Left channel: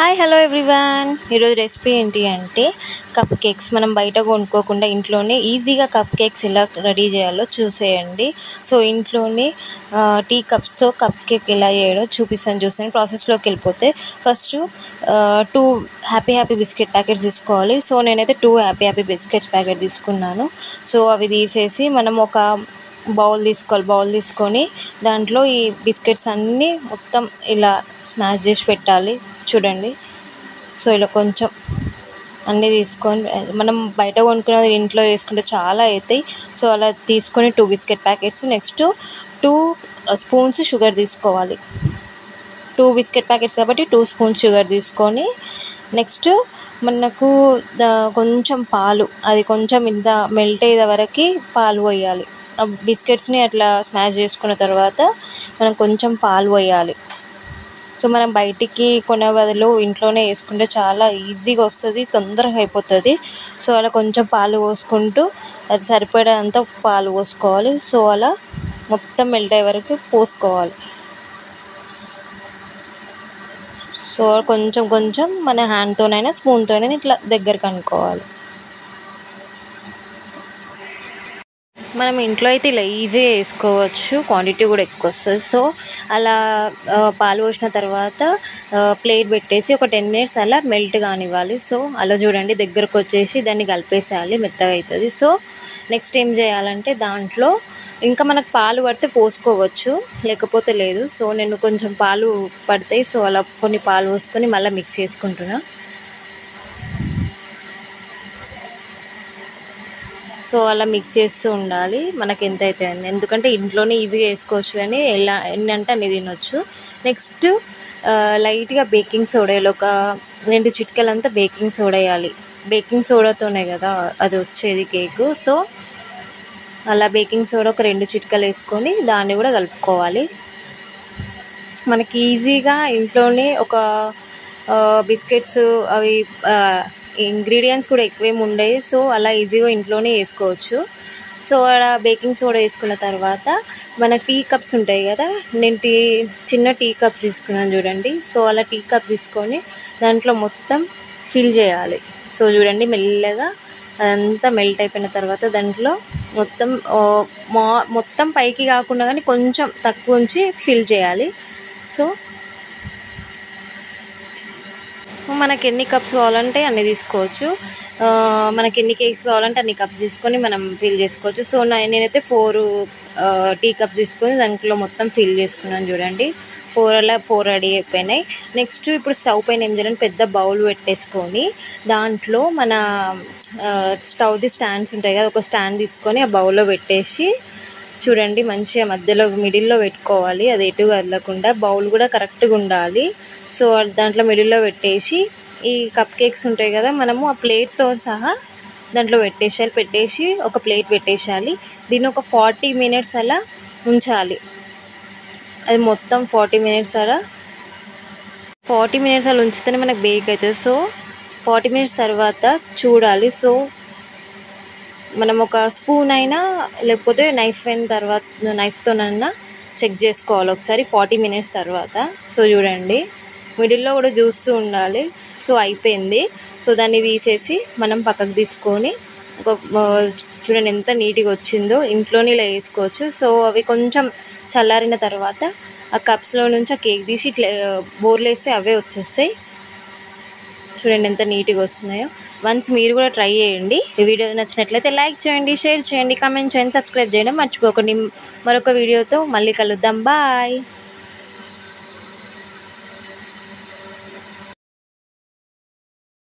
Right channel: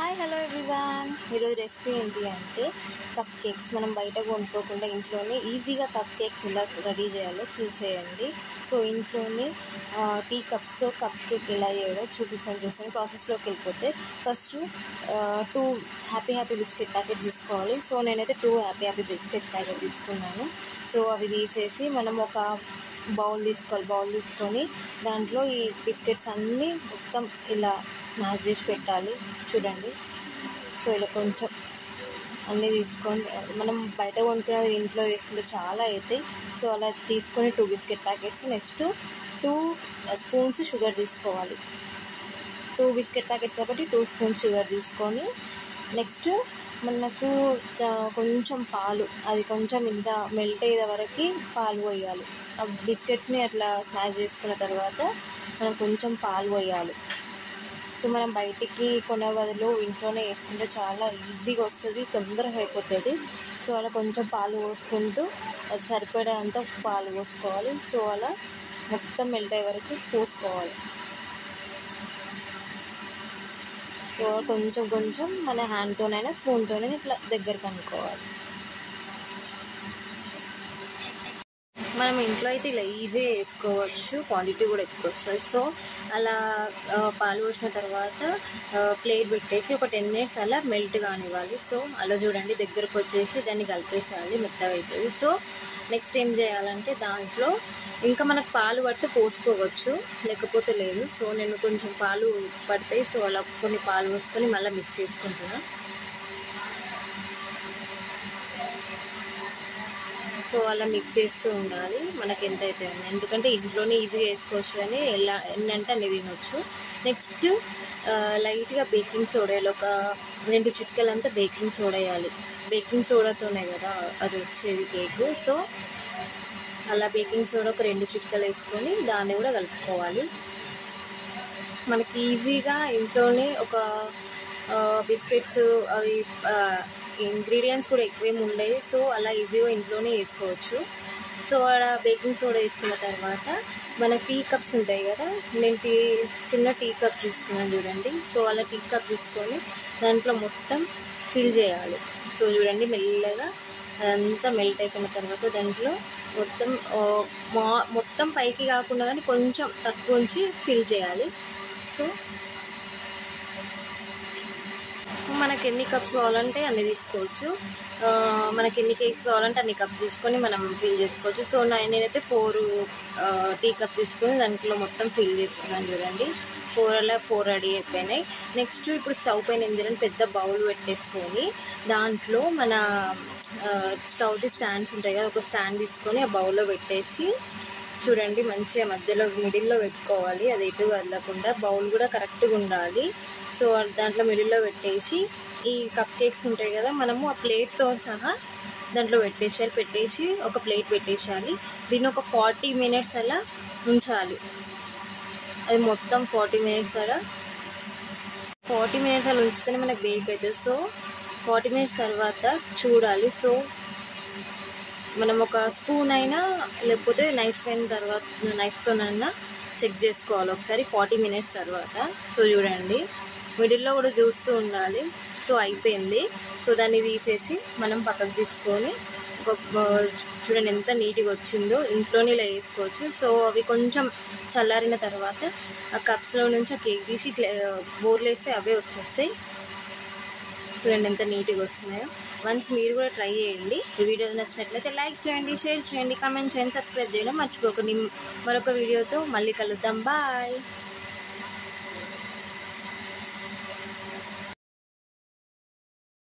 Hi hello everyone. ఈరోజు recipe ఏంటి అంటే కప్ కేక్స్. మనం బయట కొనుక్కోకుండా ఇంట్లోనే ఈజీగా కప్ కేక్స్ ఎలా రెడీ చేయాలో చూసేయండి. సో ఇంట్లోనే టీ కప్స్తో కప్ కేక్ ఎలా చేయడో చూపిస్తాను. ప్రాసెస్లోకి వెళ్ళిపోతే ఫస్ట్ 2 హ్యాపీ బిస్కెట్ ప్యాకెట్స్ తీసుకోవాలి. సో నేనైతే 2 హ్యాపీ బిస్కెట్స్ ప్యాకెట్ తీసుకున్నాను. సో అవి తీసేసి మనం ఒక బౌల్ తీసుకొని దాంట్లో ఈ బిస్కెట్స్ అన్నీ మొత్తం ఇలా స్మాష్ చేసి పెట్టాలి. చూడండి, సో ఇలా కొంచెం అన్నీ తీసుకొని, మనం బయట కొనుక్కున్నది ఇంట్లో వేసుకుంటే చాలా అవుతాయి. సో అలా తీసుకొని 2 biscuit packets, next 2 spoons sugar తీసుకోవాలి. 2 బిస్కెట్ ప్యాకెట్స్ కాబట్టి 2 స్పూన్స్ షుగర్ తీసుకొని, నెక్స్ట్ మనకు కొంచెం పాలు, అది కొంచెం ఇంత మెల్ట్ అయ్యే వరకు పాలు పోయాలి. బిస్కెట్స్ని అట్లా స్మాష్ చేసుకున్న తర్వాత మనం కొంచెం పాలు పోయాలి. సో మనం బయటికి కొనే బదులు ఇంట్లోనే వేసుకుంటే చాలా ఈజీగా వస్తుంది, తొందరగా అయిపోతుంది. సో అలా కొంచెం పాలు పోసుకుంటూ అది సరిపడేంత పాలు పోసుకోవాలి. సో అలా మొత్తం మెల్ట్ అయ్యే వరకు పోసుకోవాలి. సో కొంచెం మన హ్యాండ్తోనైనా స్పూన్తోనైనా ఇట్లా దగ్గరకు అనుకోవాలి. మనం ఇంట్లో అయితే ఇలా ఈజీగా వేసుకోవచ్చు, క్వాంటిటీ కూడా ఎక్కువ వస్తుంది. సో అలా పాలు పోసిన తర్వాత ప్లేట్ పెట్టేసి ఒక 10 minutes అలా మెల్ట్ కానివ్వాలి. సో అలా చూడండి, దగ్గరకు వచ్చేసి దాన్ని కలిపేసేయాలి, మెత్తగా అవుతుంది. సో నెక్స్ట్ ఏం చేయాలంటే దాంట్లో ఇంకా మనకు పాలు పడితే పోసుకోవచ్చు, లేకపోతే లేదు. సో నేను కొంచెం పాలు పడతాయి, సో అలా కొన్ని పాలు పోసుకొని మళ్ళీ మిక్స్ చేసుకుంటున్నా. సో అలా మిక్స్ చేస్తూ ఉండాలి మనకి ఎంత అయితే అని, ఎందుకంటే ఇంట్లోనే ఈజీగా వేసుకోవచ్చు కానీ ఎలా ఎన్ని అంటే అన్ని తినొచ్చు. నెక్స్ట్ లైట్గా బేకింగ్ సోడా, ఒక 2 చిటికలంతా బేకింగ్ సోడా వేయాలి. బేకింగ్ సోడాతోనే కదా అది వచ్చేది కేకు. సో అలా బేకింగ్ సోడా ఒక 2 చిటికలు వేసుకొని దాన్ని కూడా కలుపుకోవాలి. మనకి ఈజీగా ఇంట్లోనే ఒక బిస్కెట్స్ అవి ఇంగ్రీడియంట్స్ కూడా ఎక్కువేమి ఉండవు. సో అలా ఈజీగా ఇంట్లోనే వేసుకోవచ్చు. సో అలా బేకింగ్ సోడా వేసుకున్న తర్వాత మన టీ కప్స్ ఉంటాయి కదా, నేను చిన్న టీ కప్స్ తీసుకున్నాను చూడండి. సో అలా టీ కప్స్ తీసుకొని దాంట్లో మొత్తం ఫిల్ చేయాలి. సో చూడండి, మెల్లగా అదంతా మెల్ట్ అయిపోయిన తర్వాత దాంట్లో మొత్తం పైకి కాకుండా కానీ కొంచెం తక్కువ ఉంచి ఫిల్ చేయాలి. సో మనకి ఎన్ని కప్స్ కావాలంటే అన్ని తీసుకోవచ్చు, మనకి ఎన్ని కేక్స్ కావాలంటే అన్ని కప్స్ తీసుకొని మనం ఫిల్ చేసుకోవచ్చు. సో నేనైతే 4 టీ కప్స్ తీసుకొని దాంట్లో మొత్తం ఫిల్ చేసుకున్నాను చూడండి. 4 రెడీ అయిపోయినాయి. నెక్స్ట్ ఇప్పుడు స్టవ్ పైన ఏం చేయాలంటే పెద్ద బౌల్ పెట్టేసుకొని దాంట్లో మన స్టవ్ది స్టాండ్స్ ఉంటాయి కదా, ఒక స్టాండ్ తీసుకొని ఆ బౌల్లో పెట్టేసి చూడండి, మంచిగా మధ్యలో మిడిల్లో పెట్టుకోవాలి, అది ఎటు కదలకుండా. బౌల్ కూడా కరెక్ట్గా ఉండాలి. సో దాంట్లో మిడిల్లో పెట్టేసి ఈ కప్ కేక్స్ ఉంటాయి కదా, మనము ఆ ప్లేట్తో సహా దాంట్లో పెట్టేసి ఒక ప్లేట్ పెట్టేసేయాలి. దీన్ని ఒక 40 minutes అలా ఉంచాలి. అది మొత్తం 40 minutes అలా ఉంచితేనే మనకు బేక్ అవుతుంది. సో 40 minutes తర్వాత చూడాలి. సో మనం ఒక స్పూన్ అయినా లేకపోతే నైఫ్తోనైనా చెక్ చేసుకోవాలి ఒకసారి 40 minutes తర్వాత. సో చూడండి, మిడిల్లో కూడా చూస్తూ ఉండాలి. సో అయిపోయింది. సో దాన్ని తీసేసి మనం పక్కకు తీసుకొని చూడండి ఎంత నీట్గా వచ్చిందో. ఇంట్లోనే ఇలా వేసుకోవచ్చు. సో అవి కొంచెం చల్లారిన తర్వాత ఆ కప్స్లో నుంచి ఆ కేక్ తీసి ఇట్లా బోర్లు వేస్తే అవే వచ్చేస్తాయి. చూడండి ఎంత నీట్గా వస్తున్నాయో. వన్స్ మీరు కూడా ట్రై చేయండి. ఈ వీడియో నచ్చినట్లయితే లైక్ చేయండి, షేర్ చేయండి, కామెంట్ చేయండి, సబ్స్క్రైబ్ చేయడం మర్చిపోకండి. మరొక వీడియోతో మళ్ళీ కలుద్దాం. బాయ్.